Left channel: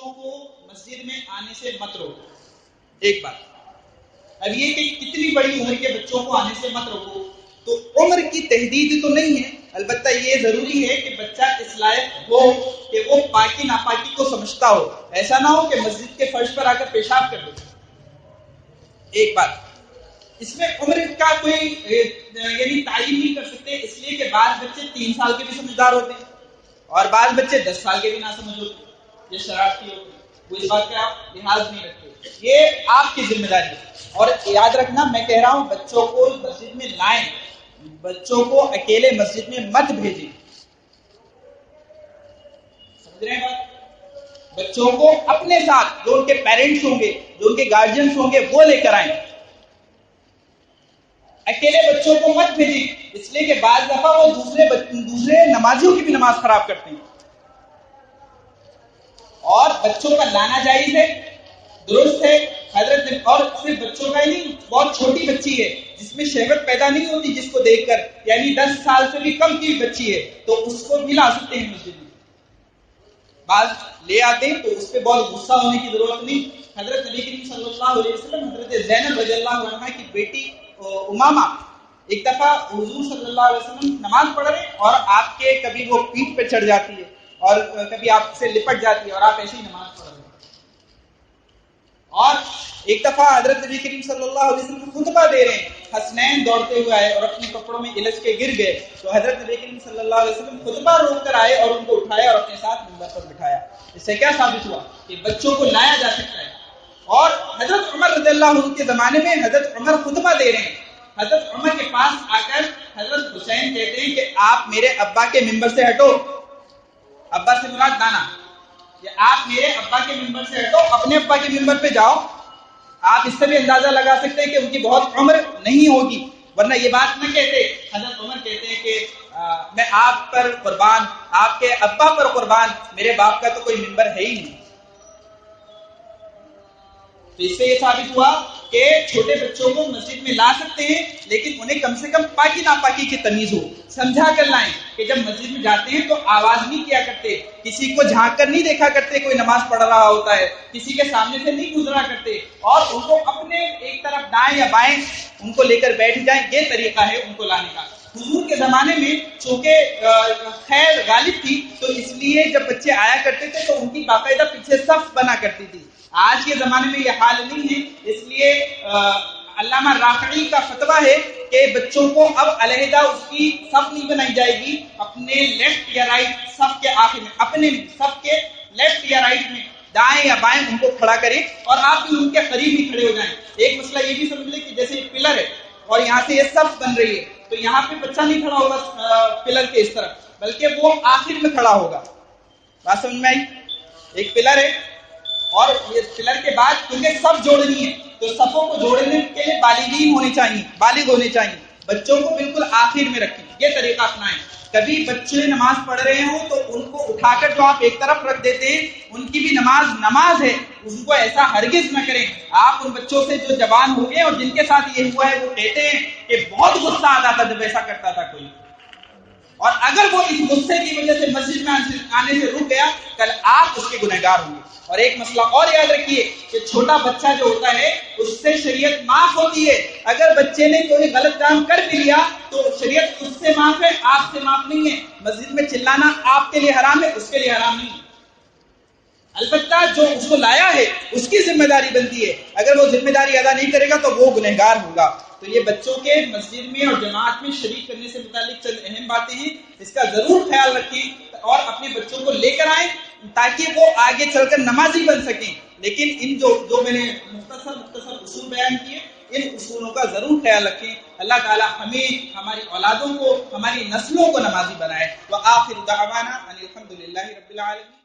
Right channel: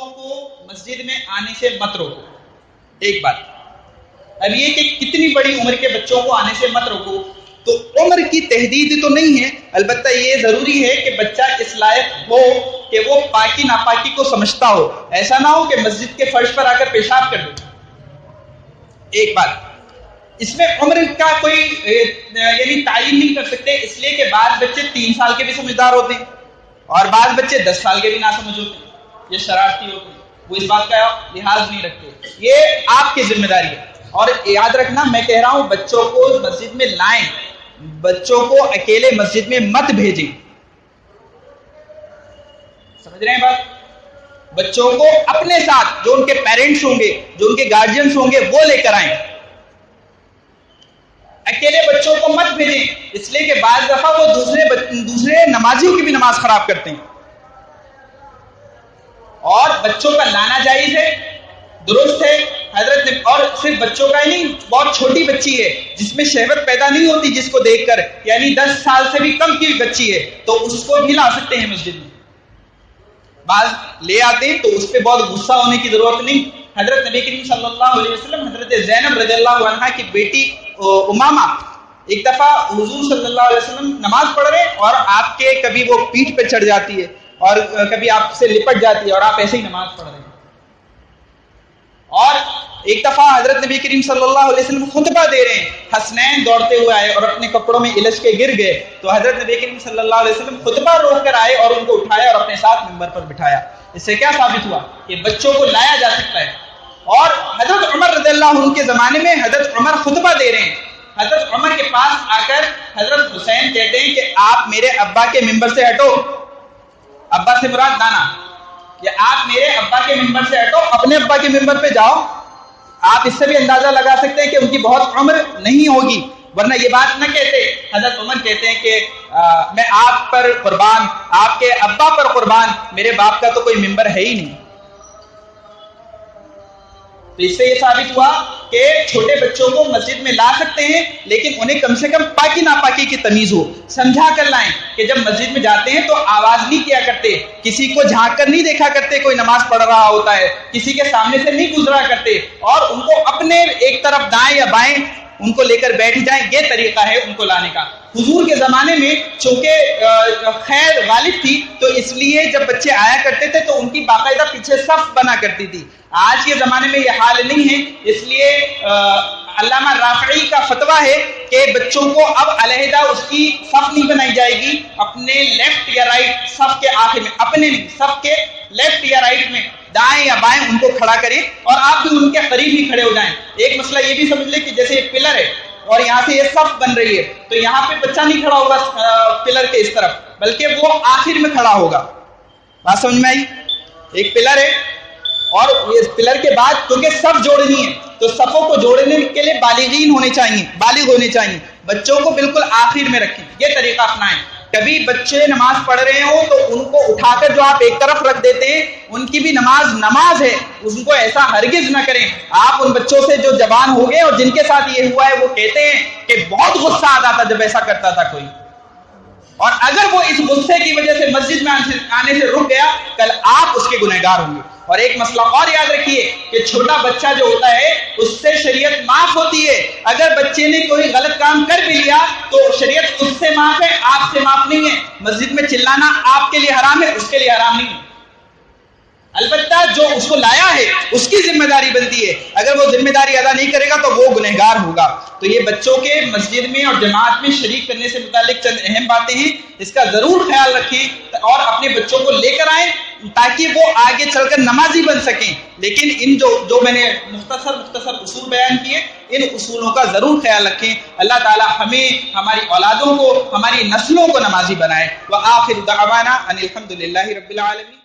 بچوں کو مسجد میں آنے سے مت روکو. ایک بات. اب یہ کہ کتنی بڑی عمر کے بچوں کو آنے سے مت روکو، تو عمر کی تحدید تو نہیں ہے، البتہ یہ ضروری ہے کہ بچہ اس لائق ہو کہ وہ پاکی ناپاکی کو سمجھتا ہو. ایسا نہ ہو کہ مسجد کے فرش پر آ کر پیشاب کر دے. ایک بات. اس میں عمر کا کوئی یعنی تعین نہیں کر سکتے، اس لیے کہ بعض بچے 3 سال کے بھی سمجھدار ہوتے ہیں اور بعض بچے 10 سال کے بھی ناسمجھ ہوتے ہیں، یہ شرارتی ہوتے ہیں، وہ اس بات کا لحاظ نہیں رکھتے. یہ آپ کی ذمہ داری ہے. اور یاد رکھنا، میں کہہ رہا ہوں بچوں کو مسجد میں لائیں، بچوں کو اکیلے مسجد میں مت بھیجیں. سمجھ رہے ہیں بات؟ بچوں کو اپنے ساتھ جو ان کے پیرنٹس ہوں گے، جو ان کے گارجینس ہوں گے، وہ لے کر آئیں. اکیلے بچوں کو مت بھیجیں، اس لیے کہ بعض دفعہ وہ دوسرے نمازیوں کی بھی نماز خراب کرتے ہیں. اور بچوں کا لانا جائز ہے، درست ہے حضرت. اور صرف بچوں کا ہی نہیں، بہت چھوٹی بچی ہے جس میں شہوت پیدا نہیں ہوتی، جس کو دیکھ کر، یعنی 10 سال سے بھی کم کی بچی ہے، تو اس کو بھی لا سکتے ہیں مسجد میں. بعض لے آتے ہیں تو اس پہ بہت غصہ ہونے کی ضرورت نہیں. حضرت نبی کریم صلی اللہ علیہ وسلم حضرت زینب رضی اللہ عنہا کی بیٹی امامہ ایک دفعہ حضور صلی اللہ علیہ وسلم نماز پڑھ رہے اور آپ کے کبھی وہ پیٹھ پہ چڑھ جاتی ہے اور کبھی آپ سے لپٹ جاتی ہے اور آپ ایسے ہی نماز پڑھ رہے ہیں. اور ایک دفعہ حضرت نبی کریم صلی اللہ علیہ وسلم خطبہ دے رہے ہیں، حسنین دوڑتے ہوئے آئے اور اپنے کپڑوں میں الجھ کے گر گئے، تو حضرت نبی کریم صلی اللہ علیہ وسلم خطبہ روک کر آئے اور ان کو اٹھایا اور اپنے ساتھ منبر پر بٹھایا. اس سے کیا ثابت ہوا کہ بچوں کو لایا جا سکتا ہے. اور حضرت عمر رضی اللہ عنہ کے زمانے میں حضرت عمر خطبہ دے رہے ہیں، حضرت عمر کے پاس آ کر حضرت حسین کہتے ہیں کہ آپ میرے ابا کے منبر سے ہٹو. ابا سے مراد دانا، کہ آپ میرے ابا کے منبر سے ہٹو، اپنے ابا کے منبر پہ جاؤ. آپ اس سے بھی اندازہ لگا سکتے ہیں کہ ان کی بہت عمر نہیں ہوگی، ورنہ یہ بات نہ کہتے. حضرت عمر کہتے ہیں کہ میں آپ پر قربان، آپ کے ابا پر قربان، میرے باپ کا تو کوئی منبر ہے ہی نہیں. تو اس سے یہ ثابت ہوا کہ چھوٹے بچوں کو مسجد میں لا سکتے ہیں، لیکن انہیں کم سے کم پاکی ناپاکی کی تمیز ہو، سمجھا کر لائیں کہ جب مسجد میں جاتے ہیں تو آواز نہیں کیا کرتے، کسی کو جھانک کر نہیں دیکھا کرتے کوئی نماز پڑھ رہا ہوتا ہے، کسی کے سامنے سے نہیں گزرا کرتے، اور ان کو اپنے ایک طرف دائیں یا بائیں ان کو لے کر بیٹھ جائیں. یہ طریقہ ہے ان کو لانے کا. حضور کے زمانے میں چونکہ خیر غالب تھی تو اس لیے جب بچے آیا کرتے تھے تو ان کی باقاعدہ پیچھے صف بنا کرتی تھی. آج کے زمانے میں یہ حال نہیں ہے، اس لیے علامہ رافعی کا فتویٰ ہے کہ بچوں کو اب علیحدہ اس کی صف نہیں بنائی جائے گی، اپنے لیفٹ یا رائٹ صف کے آخر میں، اپنے صف کے لیفٹ یا رائٹ میں دائیں یا بائیں ان کو کھڑا کریں اور آپ بھی ان کے قریب ہی کھڑے ہو جائیں. ایک مسئلہ یہ بھی سمجھ لیں کہ جیسے ایک پلر ہے اور یہاں سے یہ صف بن رہی ہے تو یہاں پہ بچہ نہیں کھڑا ہوگا پلر کے اس طرف، بلکہ وہ آخر میں کھڑا ہوگا. بات سمجھ میں آئی؟ ایک پلر ہے اور اس پلر کے بعد کیونکہ صف جوڑنی ہے تو صفوں کو جوڑنے کے لیے بالغین ہونے چاہیے، بالغ ہونے چاہیے. بچوں کو بالکل آخر میں رکھیں، یہ طریقہ اپنائیں. کبھی بچے نماز پڑھ رہے ہوں تو ان کو اٹھا کر جو آپ ایک طرف رکھ دیتے ہیں، ان کی بھی نماز ہے، ان کو ایسا ہرگز نہ کریں. آپ ان بچوں سے جو جوان ہو گئے اور جن کے ساتھ یہ ہوا ہے وہ کہتے ہیں کہ بہت غصہ آتا تھا جب ایسا کرتا تھا کوئی، اور اگر وہ اس غصے کی وجہ سے مسجد میں آنے سے رک گیا، کل آپ اس کے گنہگار ہوں گے. اور ایک مسئلہ اور یاد رکھیے کہ چھوٹا بچہ جو ہوتا ہے اس سے شریعت معاف ہوتی ہے. اگر بچے نے کوئی غلط کام کر بھی لیا تو شریعت اس سے معاف ہے، آپ سے معاف نہیں ہے. مسجد میں چلانا آپ کے لیے حرام ہے، اس کے لیے حرام نہیں ہے. البتہ جو اس کو لایا ہے اس کی ذمہ داری بنتی ہے، اگر وہ ذمہ داری ادا نہیں کرے گا تو وہ گنہگار ہوگا. تو یہ بچوں کے مسجد میں اور جماعت میں شریک کرنے سے متعلق چند اہم باتیں ہیں، اس کا ضرور خیال رکھیں اور اپنے بچوں کو لے کر آئیں تاکہ وہ آگے چل کر نمازی بن سکیں. لیکن ان جو میں نے مختصر اصول بیان کیے، ان اصولوں کا ضرور خیال رکھیں. اللہ تعالی ہمیں، ہماری اولادوں کو، ہماری نسلوں کو نمازی بنائے. وآخر دعوانا ان الحمد للہ رب العالمین.